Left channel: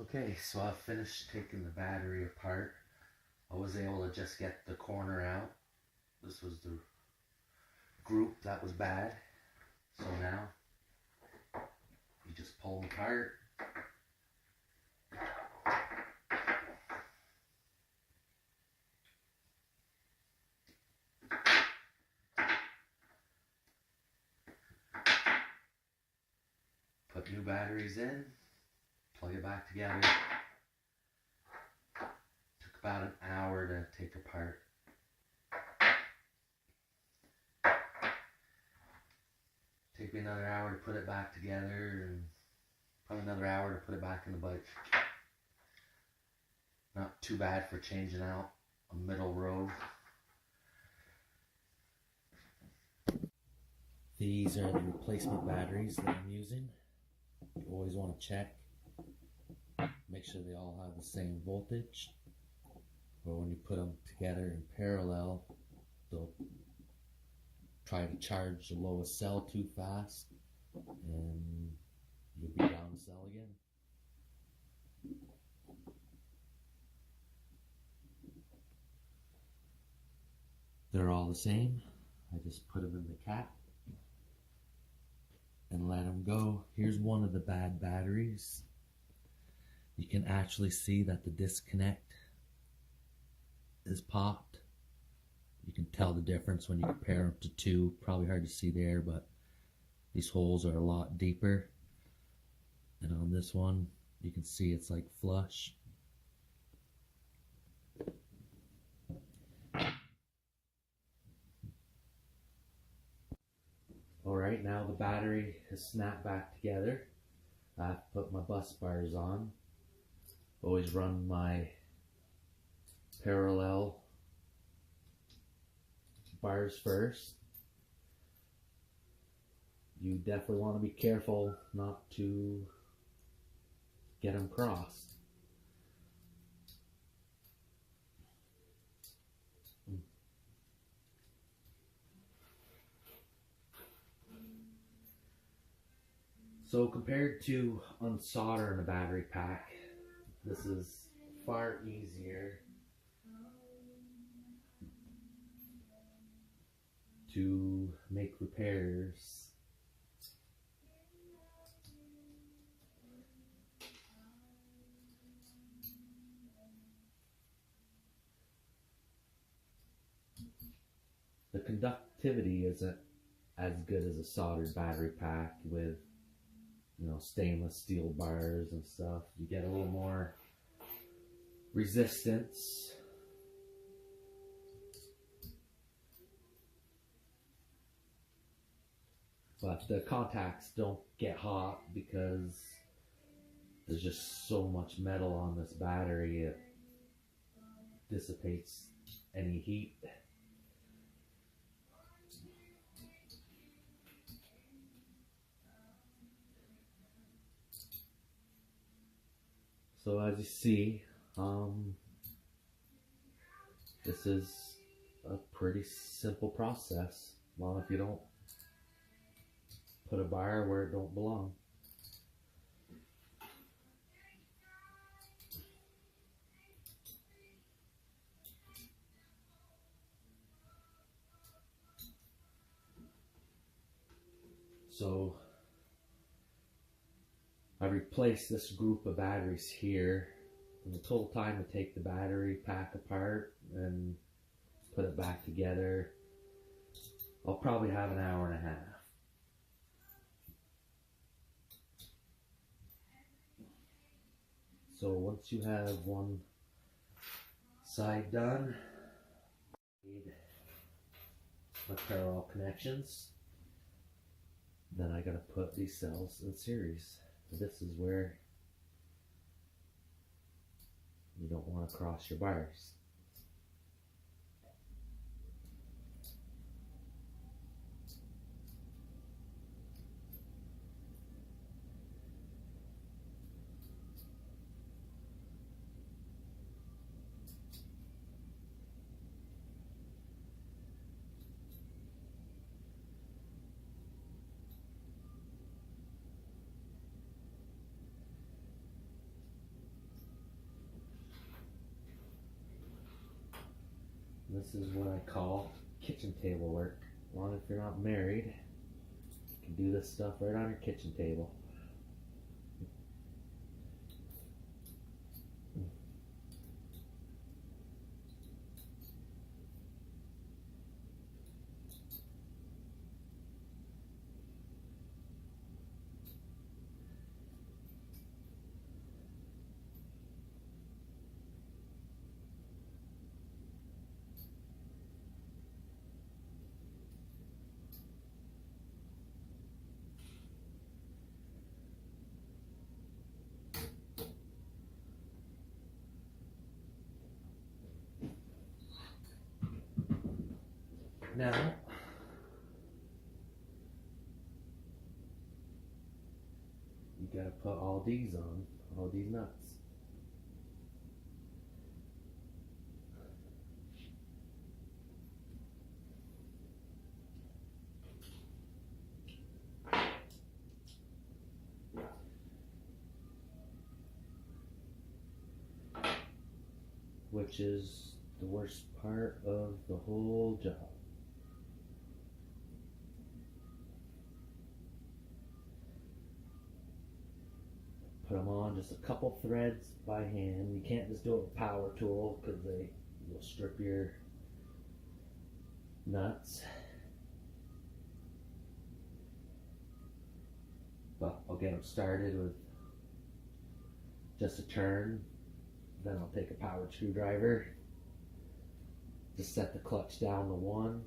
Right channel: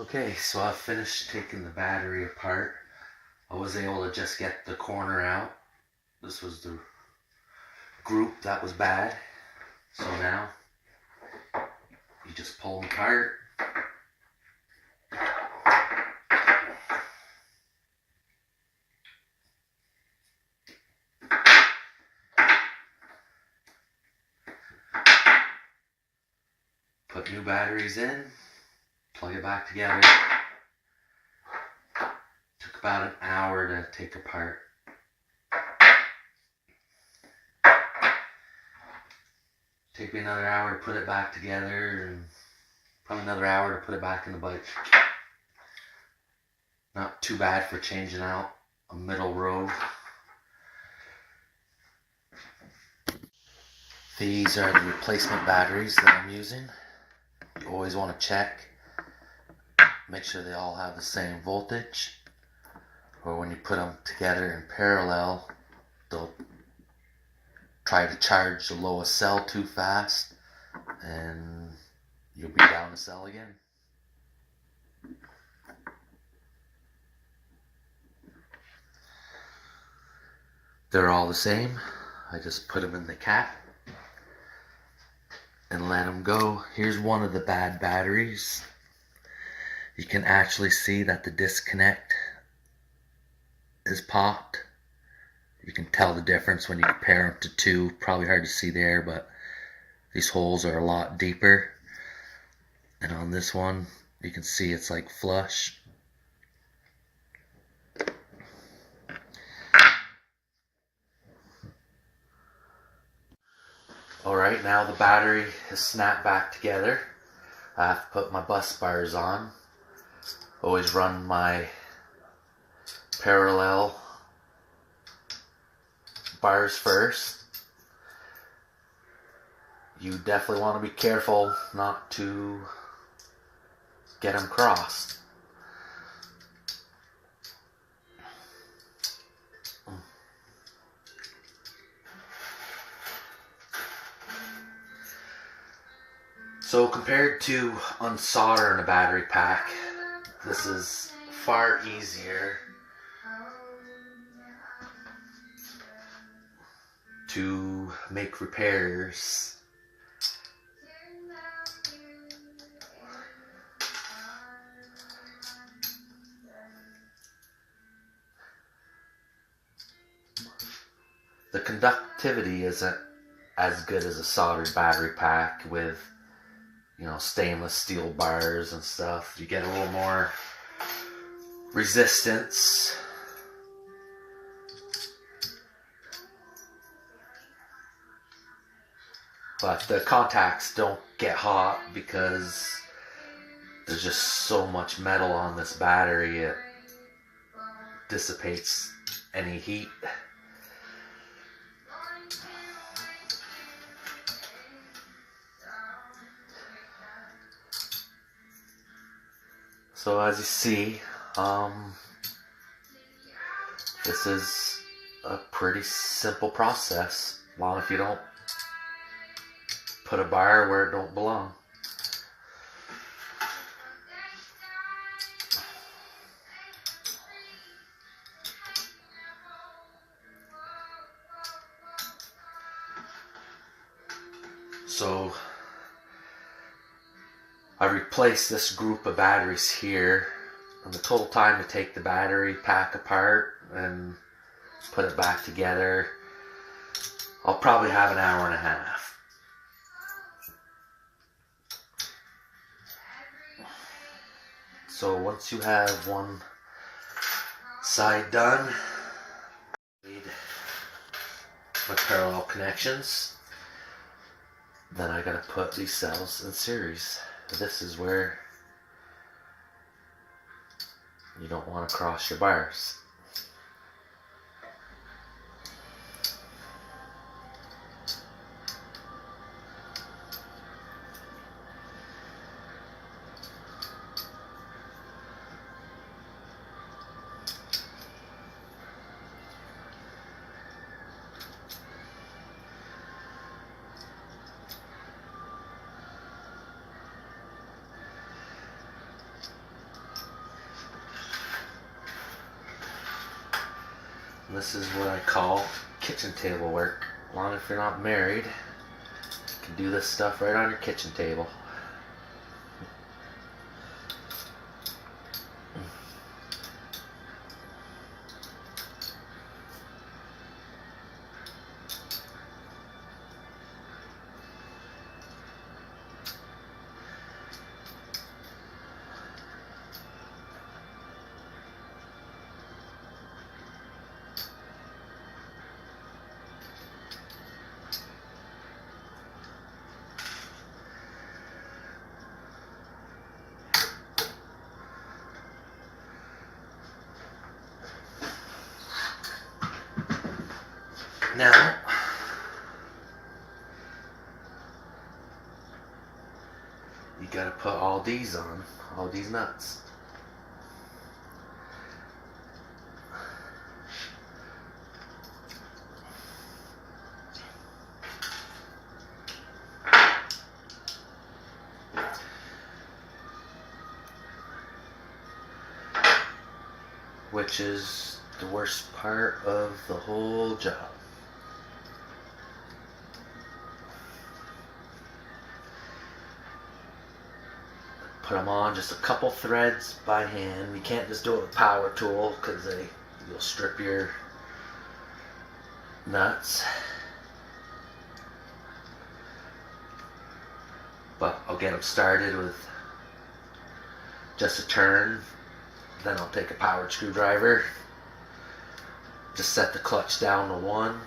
Okay, so I finished taking the battery apart. I was able to just get the corner out. This was the group that was bad. So now you just pull them apart. Put new batteries in, plug it back together. Took about an hour to take apart. Take me another hour to put it back together, and probably another hour to put it back in the bike. Not too bad for changing out a middle row. These are the replacement batteries that I'm using. You always want to check, make sure they all have the same voltage, or when you put them together in parallel, they'll try to charge the lowest cell too fast and you'll be down a cell again. They're all the same. I just put them in the cap and let them go. Here's one of the bad batteries. You can actually see that the disconnect is popped. You can tell the difference when you compare them to two. Probably hard to see there, but these holes are a lot deeper. And on this one, you can see it's like flush. Alright, now the battery is snapped back together. I have to put my bus bars on. Always run my parallel bars first. You definitely want to be careful not to get them crossed. So compared to unsoldering a battery pack, this is far easier to make repairs. The conductivity isn't as good as a soldered battery pack with, stainless steel bars and stuff. You get a little more resistance. But the contacts don't get hot because there's just so much metal on this battery, it dissipates any heat. So as you see, this is a pretty simple process, as long as you don't put a bar where it don't belong. So I replaced this group of batteries here, and the total time to take the battery pack apart and put it back together, I'll probably have an hour and a half. So once you have one side done, need my parallel connections. Then I gotta put these cells in series. This is where you don't want to cross your bars. This is what I call kitchen table work. As long as you're not married, you can do this stuff right on your kitchen table. Now, you gotta put all these on, all these nuts. Which is the worst part of the whole job. Put them on just a couple threads by hand. You can't just do it with a power tool because you'll strip your nuts. But I'll get them started with just a turn. Then I'll take a powered screwdriver. Just set the clutch down to 1.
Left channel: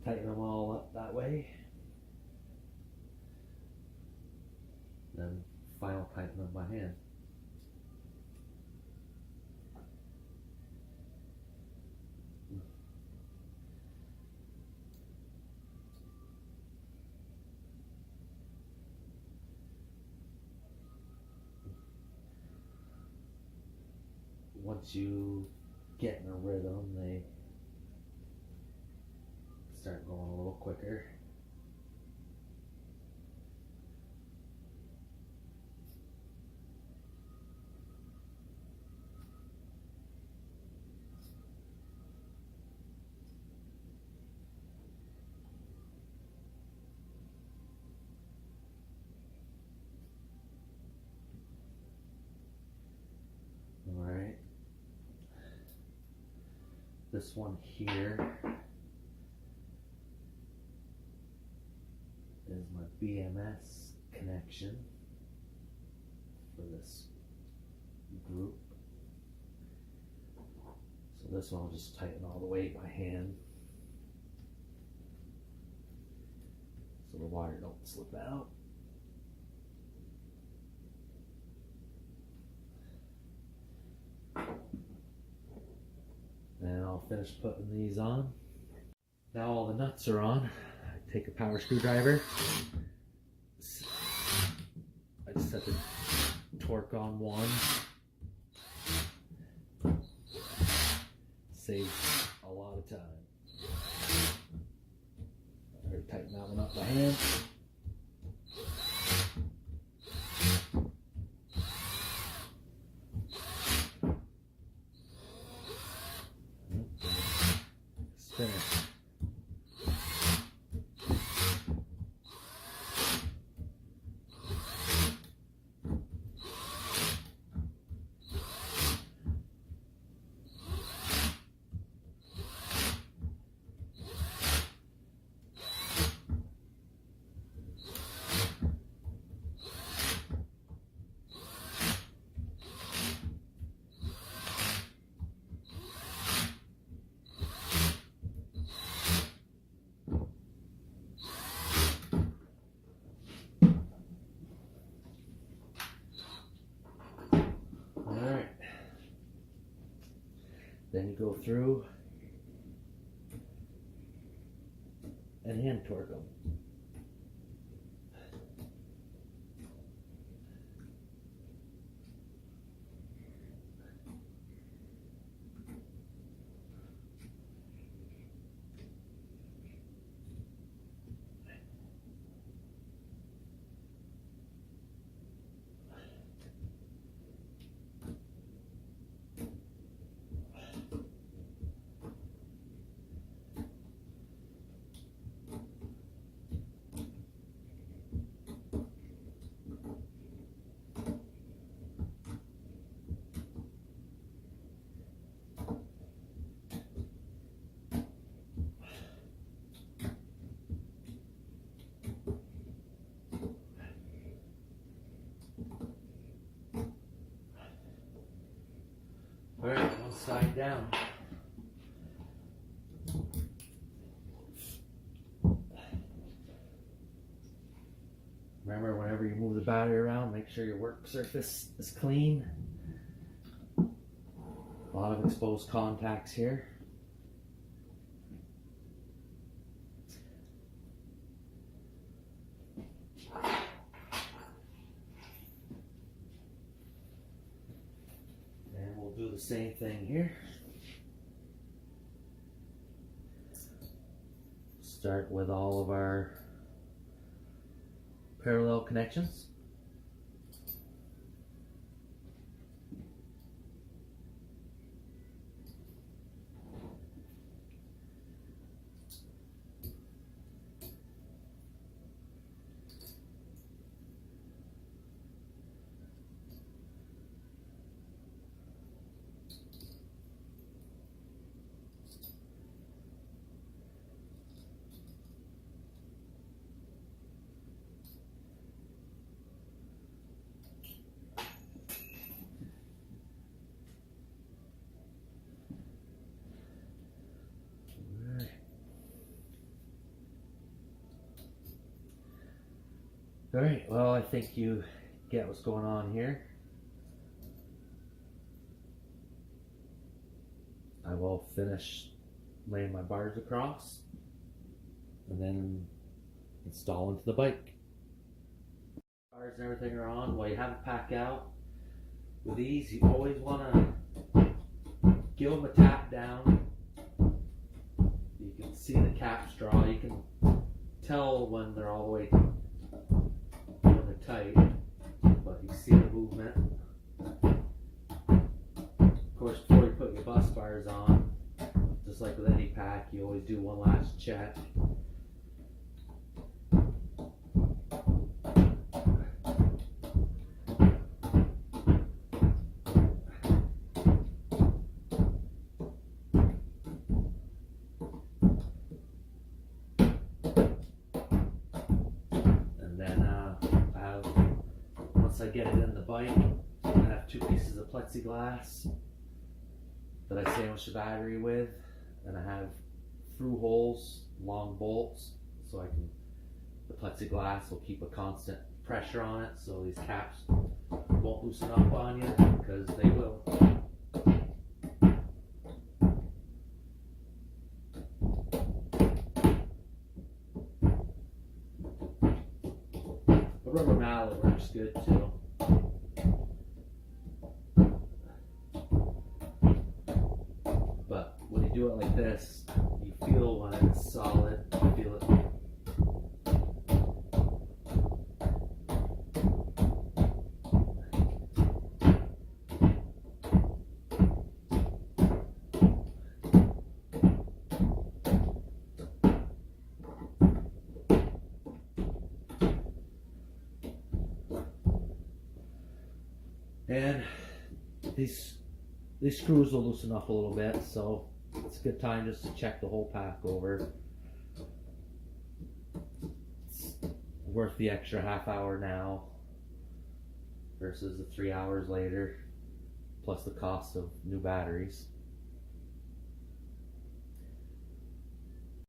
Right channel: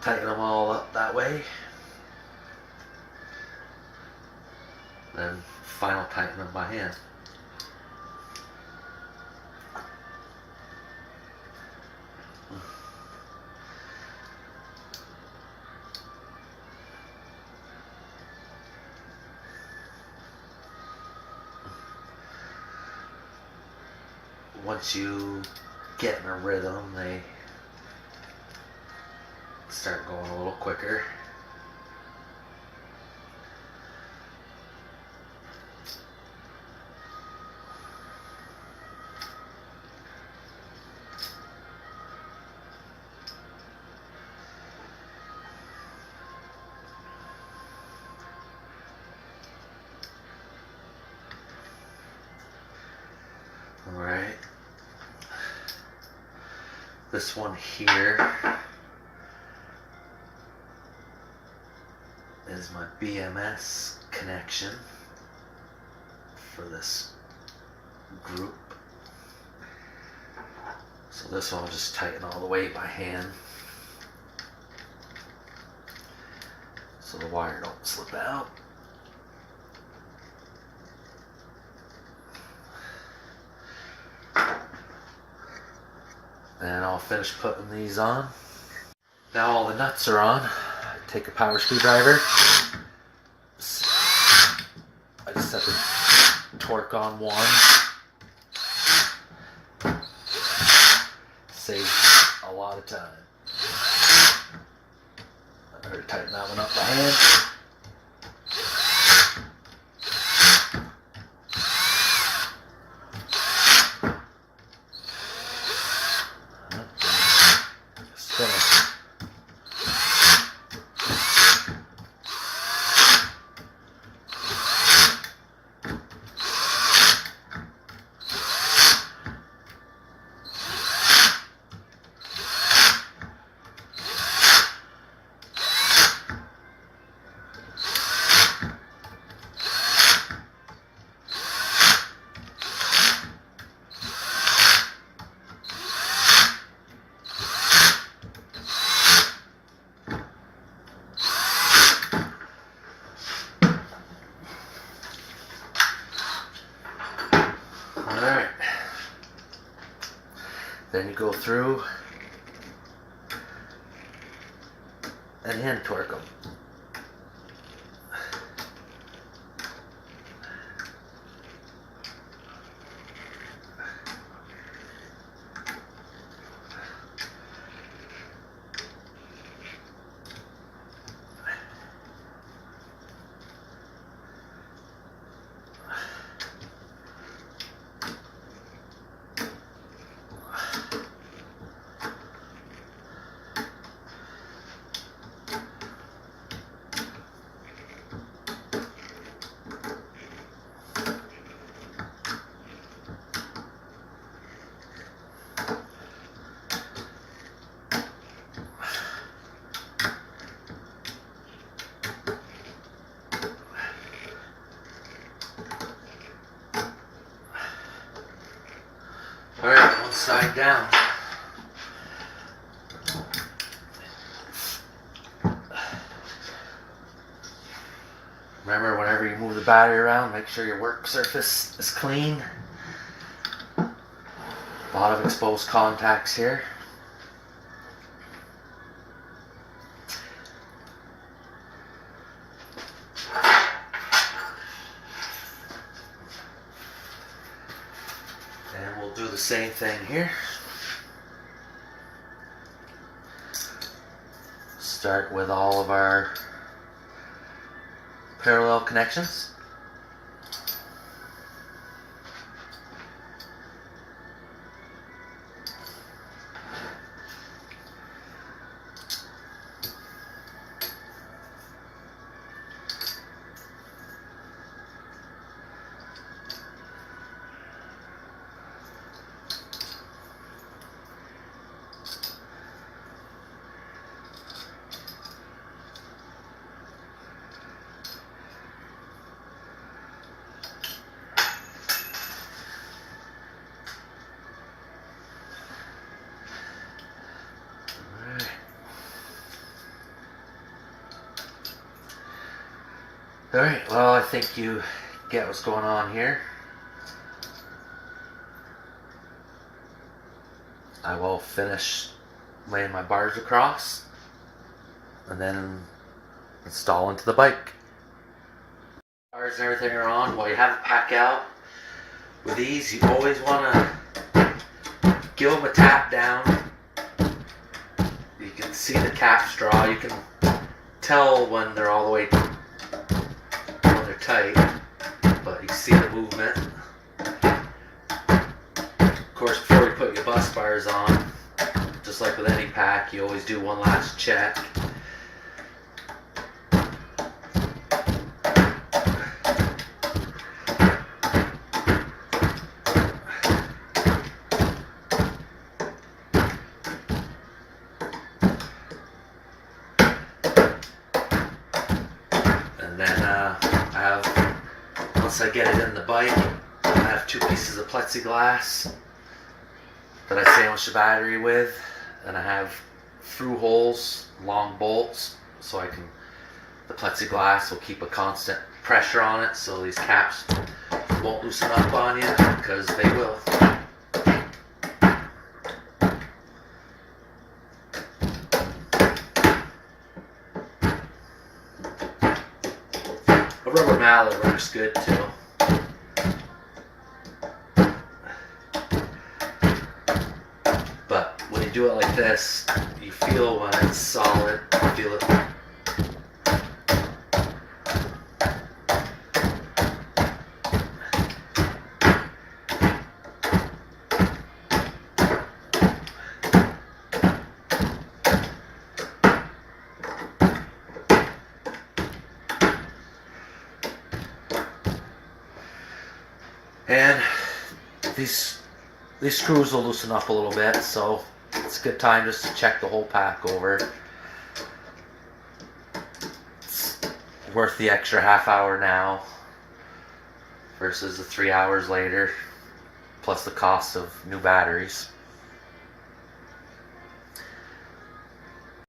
Tighten them all up that way. Then final tighten them by hand. Once you get in a rhythm, they start going a little quicker. All right. This one here is my BMS connection for this group. So this one I'll just tighten all the way by hand so the wire don't slip out. And I'll finish putting these on. Now all the nuts are on. Take a power screwdriver. I just set the torque on 1. Saves a lot of time. I better tighten that one up by hand. Finish. Alright, then you go through and hand torque them. upside down. Remember, whenever you move the battery around, make sure your work surface is clean. A lot of exposed contacts here. And we'll do the same thing here. Start with all of our parallel connections. Alright, well, I think you get what's going on here. I will finish laying my bars across and then install into the bike. Bars and everything are on. While you have it pack out, with these you always want to give them a tap down. You can see the caps draw. You can tell when they're all the way tight, but you see the movement. Of course, before you put your bus bars on, just like with any pack, you always do one last check. And then once I get it in the bike, I have 2 pieces of plexiglass that I sandwich the battery with, and I have through holes, long bolts, so the plexiglass will keep a constant pressure on it, so these caps won't loosen up on you, because they will. A rubber mallet works good too. But when you do it like this, you feel when it's solid, you feel it. And these screws will loosen up a little bit, so it's a good time just to check the whole pack over. It's worth the extra half hour now versus the 3 hours later, plus the cost of new batteries.